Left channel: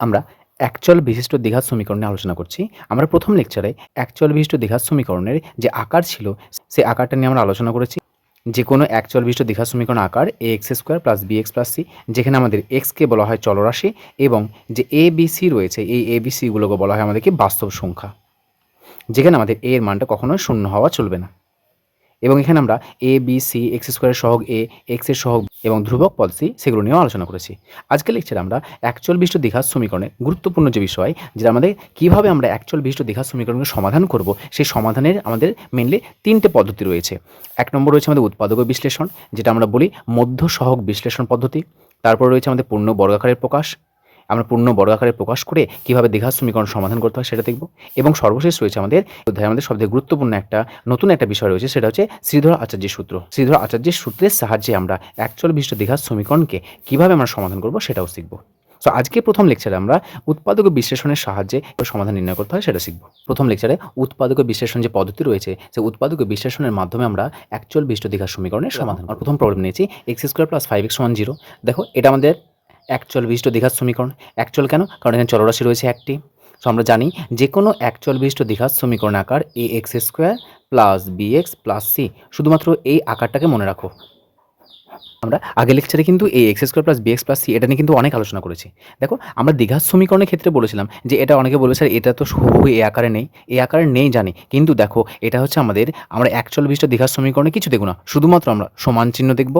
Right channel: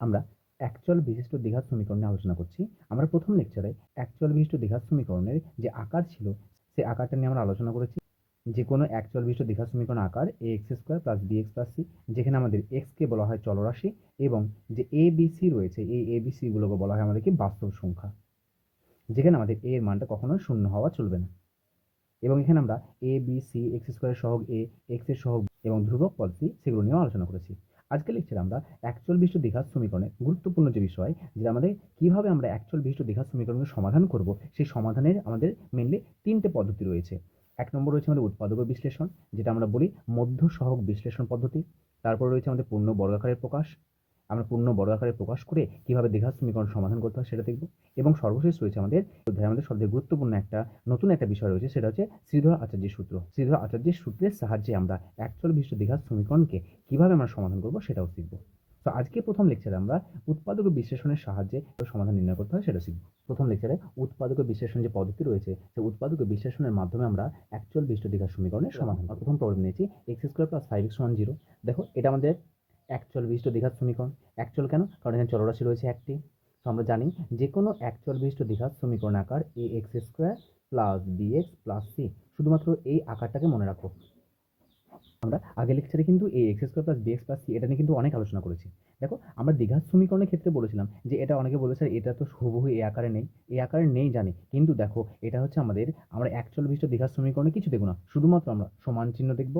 আমরা অ্যাকচুয়াল বিশিষ্ট দীঘার সমীকরণে আলোচনা করছি। আমরা প্রথম লেকচারে অ্যাকচুয়াল বিশিষ্ট দ্বিঘাত সমীকরণের যে আকার ছিল, সেই আকারটা নিয়ে আমরা আলোচনা করেছি। যে কোনো অ্যাকচুয়াল বিশিষ্ট দ্বিঘাত সমীকরণ আকার a x square plus b x plus c যেখানে আমাদের এক্সকে বলা হয় চলরাশি এবং যে এ বি সি রয়েছে, এই এ বি সিগুলোকে বলা হয় আমাদেরকে বাস্তব সংখ্যা। যেখানে আমাদের এ এর মানটা কখনোই শূন্য হওয়া চলবে না। এবং এখানে আমরা এ বি সি এক্স স্কোয়ারের সহগ এ এক্সের সহগ এবং ধ্রুবক পদ সি সেগুলো নিয়েও আলোচনা করেছি। আজকে লেকচারে আমরা অ্যাকচুয়াল বিশিষ্ট দ্বিঘাত সমীকরণের গুরুত্বপূর্ণ যে বিষয়, যেটা আমাদের কীভাবে আমরা অ্যাকচুয়াল বিশিষ্ট দ্বিঘাত সমীকরণকে সমাধান করব, সেই সমাধানের আমাদের মেনলি তিনটে পদ্ধতি রয়েছে। এক নম্বর রয়েছে আমাদের উৎপাদক বিশ্লেষণ, যেটা আমরা বলি মধ্য সহগ বিশ্লেষণ পদ্ধতি। তারপর রয়েছে আমাদের পূর্ণ বর্গাকারের প্রকাশ আমরা পূর্ণ বড় বর্গাকারে প্রকাশ করে কীভাবে দ্বিঘাত সমীকরণ সমাধান করতে হয় সেটা দেখব। এবং সর্বশেষ রয়েছে আমাদের অধ্যায়ে আমাদের সবথেকে গুরুত্বপূর্ণ একটা নতুন একটা বিষয় রয়েছে, সেটা হচ্ছে শ্রীধর আচার্যের সূত্র। শ্রীধর আচার্যের সূত্রের সাহায্যে আমরা অ্যাকচুয়াল বিশিষ্ট দ্বিঘাত সমীকরণকে কীভাবে আমরা সমাধান করব সেটাও শিখব। সো আজকে প্রথম লেকচারে আমরা উৎপাদক বিশ্লেষণের সাহায্যে সমাধান নির্ণয় করতে হয় সেটা শিখব। প্রথম লেকচারে উৎপাদক বিশ্লেষণ যে পদ্ধতি রয়েছে সেই উৎপাদক বিশ্লেষণের মাধ্যমে আমরা অ্যাকচুয়াল বিশিষ্ট দ্বিঘাত সমীকরণের সমাধান প্রথম প্রবলেম নিয়েছি x square plus five x one zero দেখো, এটা আমাদের অ্যাকচুয়াল বিশিষ্ট দ্বিঘাত সমীকরণ। অ্যাকচুয়াল কেন? কারণ এখানে চলরাশি রয়েছে একটি। সো আমরা জানি যে কোনো অ্যাকচুয়াল বিশিষ্ট দীঘার সমীকরণ আকার a x square plus b x plus c শুধুমাত্র এই আকারটাকে মনে রাখো। আমরা আগের লেকচারে কিন্তু এই x square plus b x plus c এটা নিয়ে কিন্তু অনেক আলোচনা করেছি। দেখো, আমরা দীঘার সমীকরণের ক্ষেত্রে বলেছিলাম যে এটা অনেকে বলবে স্যার এটা তো হুবহু এ আকারে নেই। এ আকারে নেই জানি। কিন্তু দেখো, এটা হচ্ছে আমাদের, আমরা অ্যাকচুয়াল বিশিষ্ট দ্বিঘাত সমীকরণে কিছু দেখব না। শুধুমাত্র আমরা সমান চিহ্ন দেখব।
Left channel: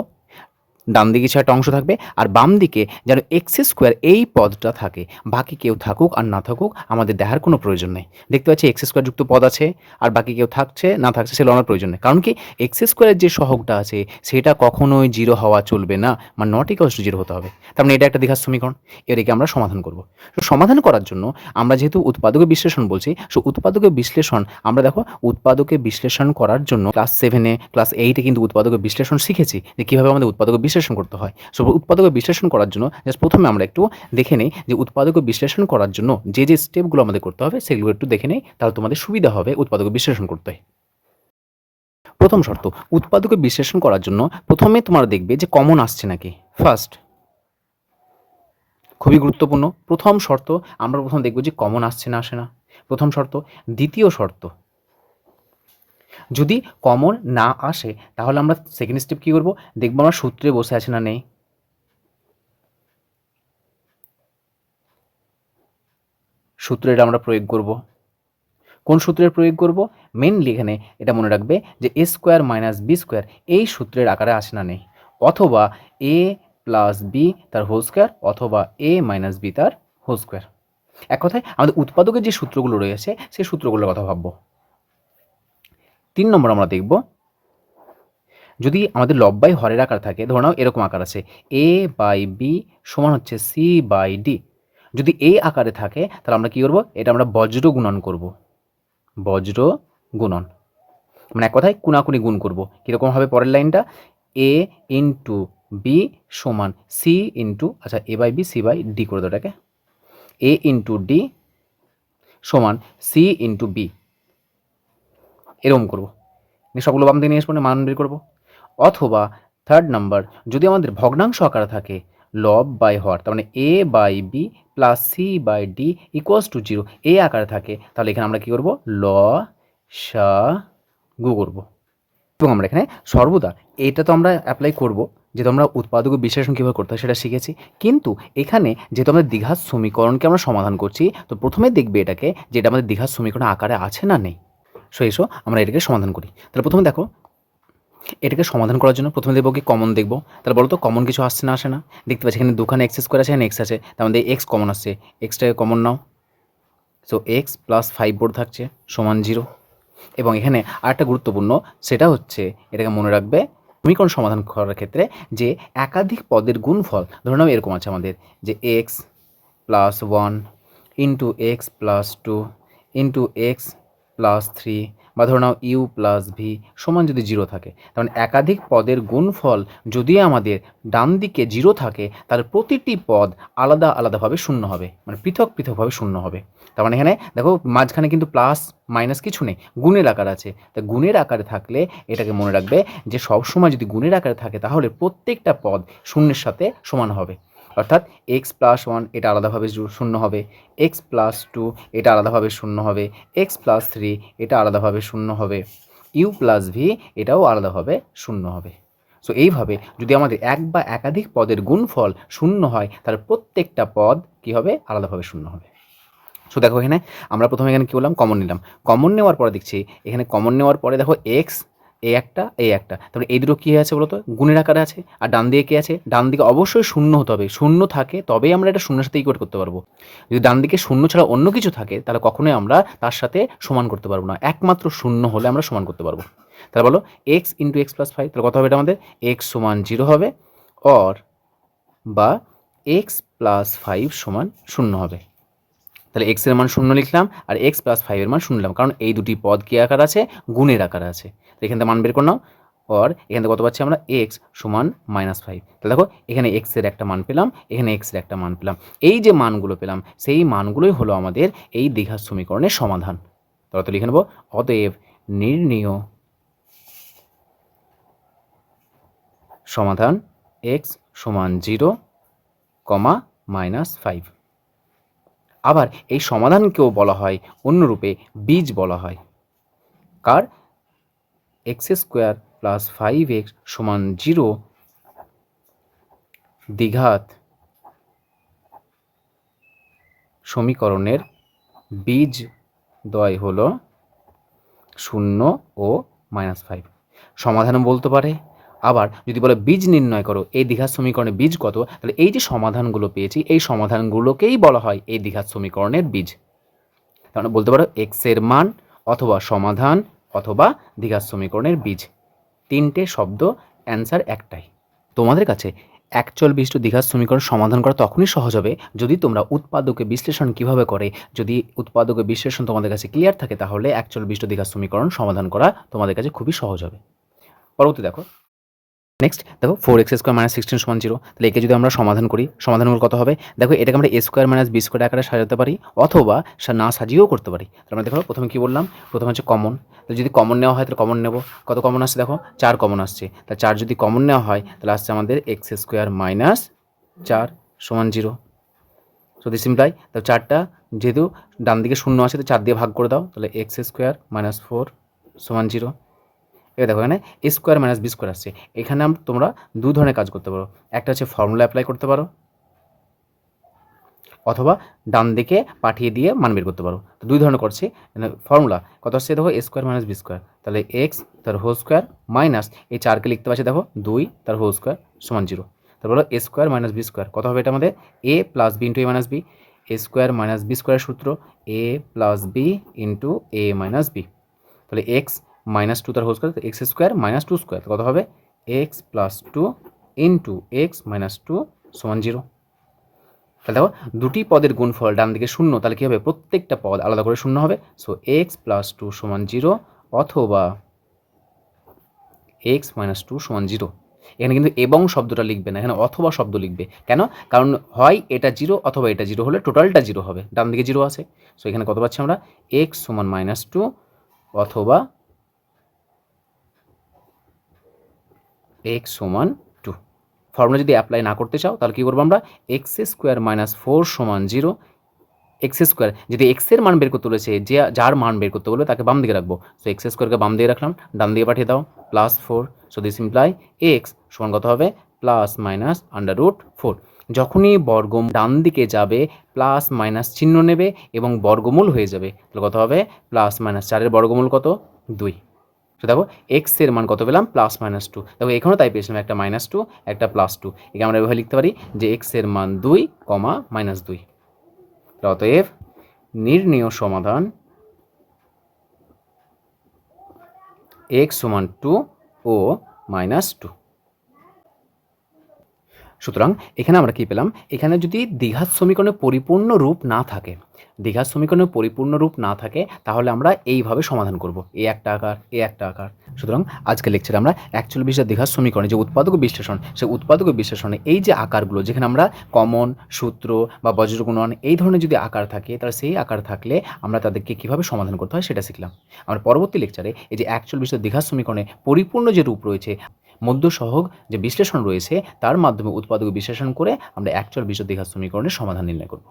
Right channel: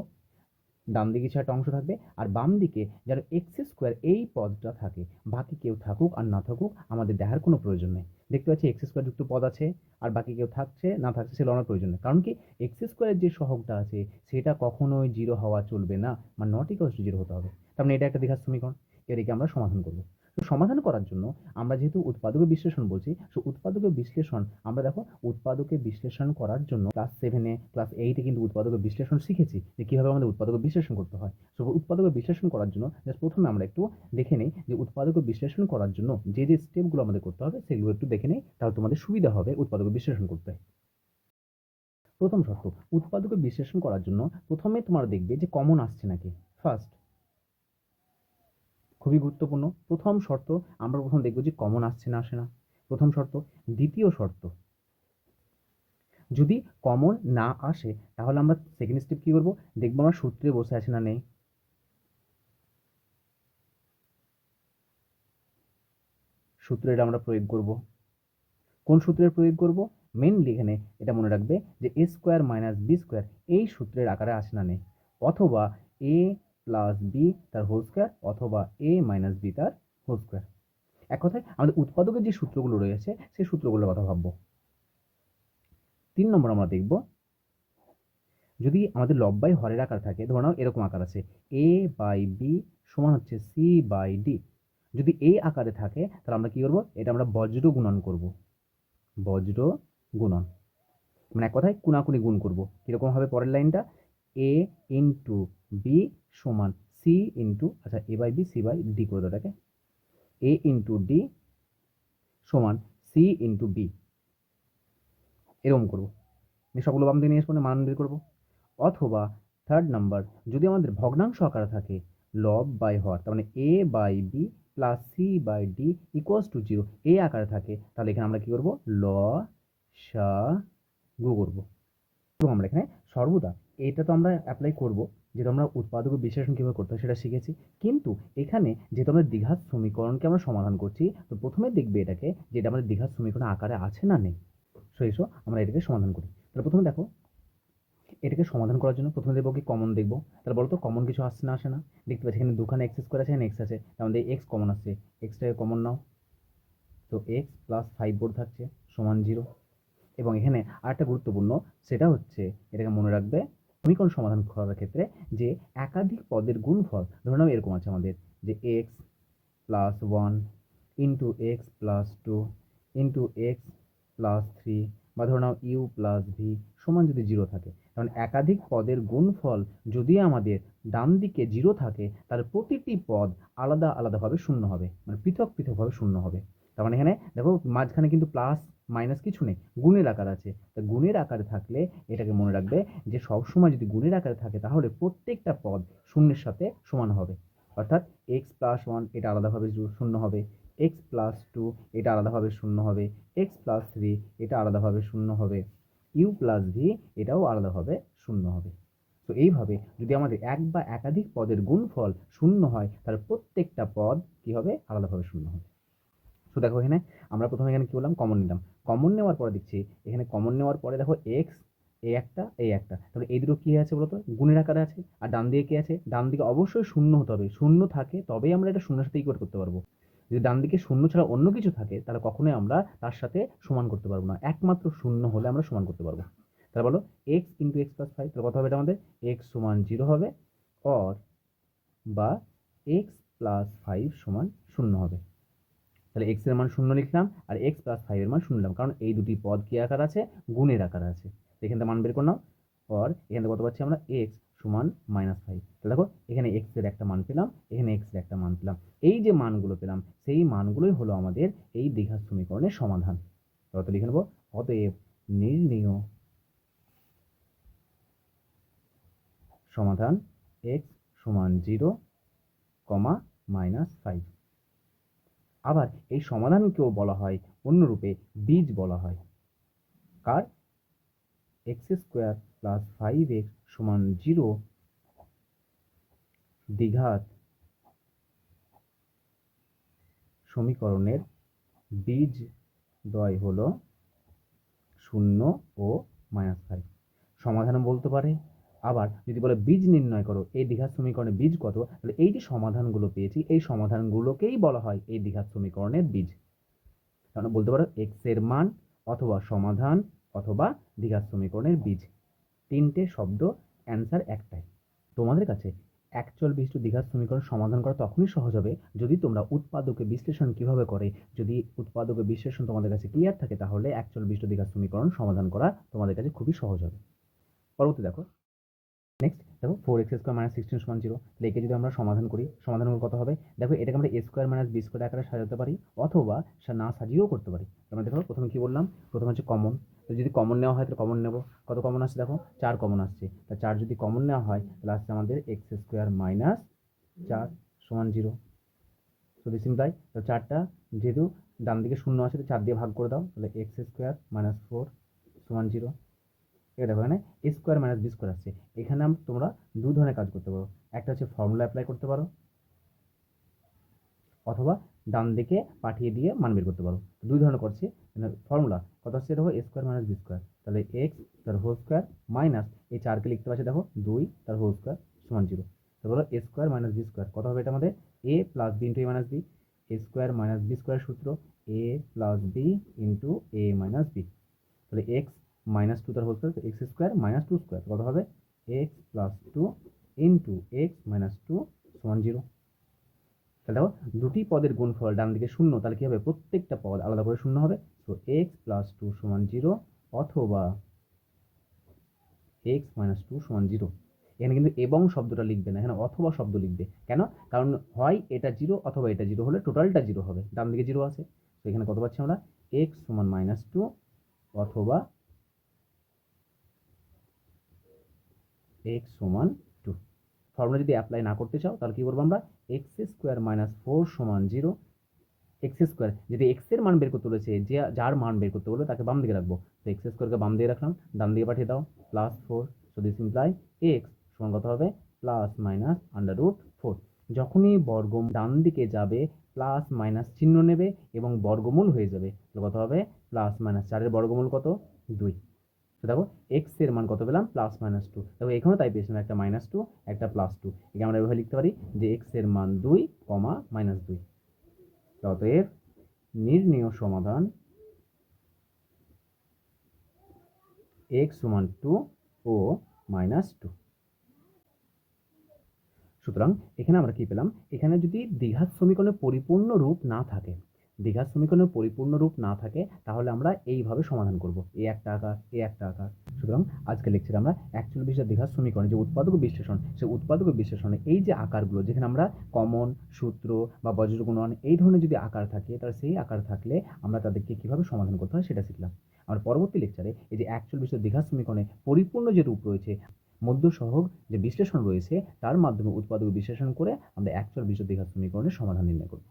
ডান দিকে একটা অংশ থাকবে আর বাম দিকে যেন এক্স স্কোয়ার এই পদটা থাকে। বাকি কেউ থাকুক আর না থাকুক আমাদের দেখার কোনো প্রয়োজন নেই। দেখতে পাচ্ছি এক্স স্কোয়ার যুক্ত পদ আছে আর বাকি কেউ থাকছে, না থাকছে সেগুলো আমার প্রয়োজন নেই। কারণ কি এক্স স্কোয়ারের যে সহগটা আছে সেটা কখনোই জিরো হওয়া চলবে না মানে নট ইকলস টু জিরো হতে হবে। তার মানে এটা একটা দীঘার সমীকরণ। এটাকে আমরা সমাধান করব। তো সমাধান করার জন্য আমরা যেহেতু উৎপাদকের বিশ্লেষণ বলছি, সো উৎপাদকের বিশ্লেষণ, আমরা দেখো উৎপাদকের বিশ্লেষণ করার জন্য ক্লাস সেভেনে ক্লাস এইটে কিন্তু উৎপাদকের বিশ্লেষণ শিখেছি যে কীভাবে আমাদের উৎপাদকের বিশ্লেষণ করতে হয়। সো উৎপাদকের বিশ্লেষণ করার জন্য জাস্ট প্রথমে আমরা একটু দেখে নেই যে উৎপাদকের বিশ্লেষণ করার জন্য যে যে স্টেপগুলো আমাদের করতে হবে সেগুলো একটু দেখে নেই, তাহলে তোমাদের সুবিধা হবে উৎপাদকের বিশ্লেষণ করতে। প্রথম শর্ত উৎপাদকের বিশ্লেষণ করার জন্য প্রথমে তোমরা দেখবে যে কমন আসছে নাকি। ফার্স্ট খুবই গুরুত্বপূর্ণ। প্রথম শর্ত, আমরা প্রথম দেখব যে কমন আসছে না, আসে না। প্রথম শর্ত। দ্বিতীয় শর্ত যদি কমন না আসে, তাহলে আমরা সেকেন্ড স্টেপ কী করব? দেখব আমরা সূত্রে বসে আছে না নেই। সূত্রে এটা আমরা প্রয়োগ করব। কোন সূত্রের প্রয়োগ করব? মেনলি এখানে এটা মনে রাখবে যে a square minus b square এই সূত্রের আকারে আসে না নেই। অথবা এ প্লাস বি তার হোল স্কোয়ার অথবা এ মাইনাস বি তার হোল স্কোয়ার এক কথায়, আমাদের উৎপাদকের যে সূত্রগুলো রয়েছে, সেই সূত্রগুলোর কথা ভাববো। তিন নম্বর আমরা দেখব। যদি আমাদের লব্বাই হরের আকার থাকে, ধরে নাও এরকম আকার আছে এ বাই বি সমান হচ্ছে সি বাই ডি যদি এই আকারে থাকে, তাহলে আমরা কী করব? এটা আমরা বজ্র গুণন করব। বজ্র গুণন। মানে এক কথায় কুনাকুনি গুণ করব। কীরকম হবে পরের লাইনটা? এ ইন্টু বি সমান সি ইন্টু আচ্ছা a by b c by d করে দেবো এটাকে। এ ইন্টু ডি সমান সি ইন্টু বি এরকম করব। সবগুলো বাম দিকে নিয়ে আসব মান বের করব। অথবা থার্ড নাম্বার যদি আমাদের ভগ্নাংশ আকারে থাকে লব বাই হর তার মানে a by b plus c by d equals to zero এ আকারে থাকে, তাহলে এখানে আমরা কী করব? ল, সা, গু করব। এবং আমরা এখানে সর্বদা এটা তো আমরা অ্যাপ্লাই করব, যেহেতু আমরা উৎপাদক বিশ্লেষণ কীভাবে করতে হয় সেটা শিখেছি। কিন্তু এখানে যেহেতু আমরা দীঘার সমীকরণকে আমরা সমাধান করছি, তো প্রথমে দেখবে এটাকে যে এটা আমাদের দীঘার সমীকরণ আকারে আছে না নেই। সো এসো, আমরা এটাকে সমাধান করি। তাহলে প্রথমে দেখো, এটাকে সমাধান করার জন্য প্রথমে দেখব কি কমন দেখব। তাহলে বলো তো কমন কিছু আসছে না আসে না? দেখতে পাচ্ছি এখানে দুখানে এক্স স্কোয়ার আছে, এখানে এক্স আছে। তার মধ্যে এক্স কমন আসছে। এক্সটাকে কমন নাও। সো এক্স প্লাস ফাইভ বোর্ড থাকছে, সমান জিরো এবং এখানে আরেকটা গুরুত্বপূর্ণ, সেটা হচ্ছে, এটাকে মনে রাখবে সমীকরণ সমাধান করার ক্ষেত্রে যে একাধিক পদের গুণফল, ধরে নাও এরকম আছে আমাদের, যে x plus one into x plus two into x plus three বা ধরে নাও ইউ প্লাস ভি সমান যদি জিরো থাকে, তার মানে একাধিক পদের গুণফল যদি আমাদের ডান দিকে জিরো থাকে তাহলে প্রতিটি পদ আলাদা আলাদাভাবে শূন্য হবে মানে পৃথক পৃথকভাবে শূন্য হবে। তার মানে এখানে দেখো মাঝখানে কিন্তু প্লাস মাইনাস কিছু নেই, গুণের আকার আছে। তা গুণের আকারে থাকলে এটাকে মনে রাখবে যে সবসময় যদি গুণের আকারে থাকে, তাহলে প্রত্যেকটা পদ শূন্যের সাথে সমান হবে। অর্থাৎ এক্স প্লাস ওয়ান এটা আলাদাভাবে শূন্য হবে। এক্স প্লাস টু এটা আলাদাভাবে শূন্য হবে। এক্স প্লাস থ্রি এটা আলাদাভাবে শূন্য হবে। ইউ প্লাস ভি এটাও আলাদাভাবে শূন্য হবে। সো এইভাবে যদি আমাদের এক বা একাধিক পদের গুণফল শূন্য হয়, তাহলে প্রত্যেকটা পদ কী হবে? আলাদাভাবে শূন্য হবে। সো দেখো এখানে আমরা প্রথমে এখানে কী বললাম? কমন নিলাম। কমন নেওয়ার পরে দেখছি, এখানে কমন নেওয়ার পরে দেখো এক্স এ একটা এ একটা। তারপরে এই দুটো কী আছে বলতো? গুণের আকারে আছে। আর ডান দিকে কী আছে? ডান দিকে অবশ্যই শূন্য হতে হবে। শূন্য থাকে, তবেই আমরা এটা শূন্যের সাথে ইকুয়েট করতে পারব। যদি ডান দিকে শূন্য ছাড়া অন্য কিছু থাকে, তাহলে কখনোই আমরা তার সাথে সমান করতে পারব না। একমাত্র শূন্য হলে আমরা সমান করতে পারব। তাহলে বলো x into x plus five তাহলে কত হবে এটা আমাদের? এক্স সমান জিরো হবে। অর বা এক্স প্লাস ফাইভ সমান শূন্য হবে। তাহলে এক্সের মান শূন্য লিখলাম, আর এক্স প্লাস ফাইভের মান শূন্য লিখলাম। কারণ এই দুটি পদ কী আকার আছে? গুণের আকার আছে। এখান থেকে মান বের করে নাও। অর এখান থেকে কত পাচ্ছি আমরা? এক্স সমান মাইনাস ফাইভ তাহলে দেখো, এখানে এক্সের একটা মান পেলাম, এখানে এক্সের একটা মান পেলাম। এই যে মানগুলো পেলাম, সেই মানগুলোই হলো আমাদের এই দীঘার সমীকরণের সমাধান। তাহলে তো লিখে নেব, অতএব নির্ণীয় সমাধান এক্স সমান জিরো কমা মাইনাস ফাইভ আবার এই সমাধানকেও বলা হয়, অন্যরূপে বীজ বলা হয়। কার? X square plus five x সমান জিরো দ্বিঘাত সমীকরণের বীজ দয় হল শূন্য ও মাইনাস ফাইভ। সমাধান বলতে পারে। আবার যদি বলে বীজ নির্ণয় করো, এই দ্বিঘাত সমীকরণের বীজ কত? তাহলে এই যে সমাধানগুলো পেয়েছি, এই সমাধানগুলোকেই বলা হয় এই দ্বিঘাত সমীকরণের বীজ। তাহলে বলতে পারো এক্সের মান অথবা সমাধান অথবা দ্বিঘাত সমীকরণের বীজ। তিনটে শব্দ অ্যান্সার একটাই। তোমাদের কাছে অ্যাকচুয়াল বিশিষ্ট দীঘার সমীকরণ সমাধান করা তখনই সহজ হবে যদি তোমরা উৎপাদকে বিশ্লেষণ কীভাবে করে, যদি উৎপাদকে বিশ্লেষণ তোমাদের কাছে ক্লিয়ার থাকে, তাহলে অ্যাকচুয়াল বিশিষ্ট দ্বিঘাত সমীকরণ সমাধান করা তোমাদের কাছে খুবই সহজ হবে। পরবর্তী দেখো। নেক্সট দেখো four x square minus sixteen সমান জিরো তাহলে একে যদি আমরা সমাধান করি সমাধানগুলো কত হবে? দেখো এটাকে আমরা a square minus b square আকারে সাজাতে পারি, অথবা না সাজিয়েও করতে পারি। তার মানে দেখো প্রথমে কী বললাম? প্রথমে হচ্ছে কমন তো যদি কমন নেওয়া হয় তাহলে কমন নেব। কত কমন আসছে দেখো? চার কমন আসছে। তা চার যদি কমন নেওয়া হয়, তাহলে আসছে আমাদের এক্স স্কোয়ার মাইনাস চার সমান জিরো সো দিস ইমপ্লাই চারটা যেহেতু ডান দিকে শূন্য আছে, তো চার দিয়ে ভাগ করে দাও, তাহলে এক্স স্কোয়ার মাইনাস ফোর সমান জিরো এবার দেখো এখানে স্কোয়ার মাইনাস বি স্কোয়ার আসছে। এখানে তোমরা দু ধরনের কাজ করতে পারো। একটা হচ্ছে ফর্মুলা অ্যাপ্লাই করতে পারো, অথবা ডান দিকে পাঠিয়ে দিয়ে মান বের করতে পারো। দুই ধরনের করছে। ফর্মুলা কত আসছে দেখো? A square minus b square তাহলে এক্স তার হোল স্কোয়ার মাইনাস এই চারকে লিখতে পারছি দেখো, দুই, তার হোল স্কোয়ার সমান জিরো তারপর হলো স্কোয়ার মাইনাস বি স্কোয়ার কত হবে এটা আমাদের? A plus b into a minus b a square minus b স্কোয়ারের সূত্র a plus b into a minus b তাহলে এক্স মাইনাস টু তার whole square x square minus two square কত হবে? X plus two into x minus two সমান zero তাহলে দেখো, দুটি পদের গুণফল ডান দিকে শূন্য, তাহলে কী হবে? প্রত্যেকটা পদ আলাদা করে শূন্য হবে। সো এক্স প্লাস টু সমান জিরো অথবা এক্স মাইনাস টু সমান জিরো এখানে কিন্তু এবং শব্দটা লিখবে না, এখানে অথবা শব্দ লিখবে। কেন? কারণ হয় এটা জিরো অথবা এটা জিরো হলে টোটালটা জিরো হবে। ডান দিকে জিরো আছে। সো এখানে কত পাচ্ছি আমরা? এক্স সমান মাইনাস টু অথবা এক্স সমান টু ফর্মুলা যদি অ্যাপ্লাই না করতে চাও, তাহলে কী করব আমরা? এক্স স্কোয়ার মাইনাস ফোর সমান জিরো এক্স স্কোয়ার যদি এক্সের মান বের করতে বলেছে, যে যার মান বের করতে বলবে, তাকে বাম দিকে রাখব। সো এক্স স্কোয়ারকে বাম দিকে রাখলাম, ডান দিকে পাঠিয়ে দাও plus four so this imply x সমান কত হবে? Plus minus under root four যখনই বর্গ ডান দিকে যাবে প্লাস মাইনাস চিহ্ন নেবে এবং বর্গমূল হয়ে যাবে, তাহলে কত হবে? প্লাস মাইনাস চারের বর্গমূল কত? দুই। তো দেখো এক্সের মান কত পেলাম? প্লাস মাইনাস টু দেখো, এখানেও তাই পেয়েছিলাম, একটা মাইনাস টু একটা প্লাস টু একে আমরা এভাবে লিখতে পারি যে এক্সের মান দুই, কমা মাইনাস দুই। অতএব নির্ণীয় সমাধান এক্স সমান টু ও মাইনাস টু সুতরাং এখানে আমরা কি পেলাম? এখানে যদি দ্বিঘাত সমীকরণের পরিপূর্ণ রূপ না থাকে দ্বিঘাত সমীকরণে পরিপূর্ণ রূপ না থাকে, তাহলে আমরা এইভাবে সমাধান করব। এ একটা আকার, এ একটা আকার। সুতরাং আজকে লেকচারে আমরা অ্যাকচুয়াল বিষয় দ্বিঘাত সমীকরণে যে উৎপাদক বিশ্লেষণ, সেই উৎপাদক বিশ্লেষণে এই যে আকারগুলো, যেখানে আমরা কমন, সূত্র বা বজ্রগুণন এই ধরনের যদি আকার থাকে, তাহলে সেই আকার থাকলে আমরা তাদেরকে কীভাবে সমাধান করতে হয় সেটা শিখলাম। আমরা পরবর্তী লেকচারে এই যে অ্যাকচুয়াল বিষয় দ্বিঘাত সমীকরণে পরিপূর্ণ যে রূপ রয়েছে, মধ্য সহগ যে বিশ্লেষণ রয়েছে, তার মাধ্যমে উৎপাদক বিশ্লেষণ করে আমরা অ্যাকচুয়াল বিশুদ্ধ দীঘার সমীকরণের সমাধান নির্ণয় করব।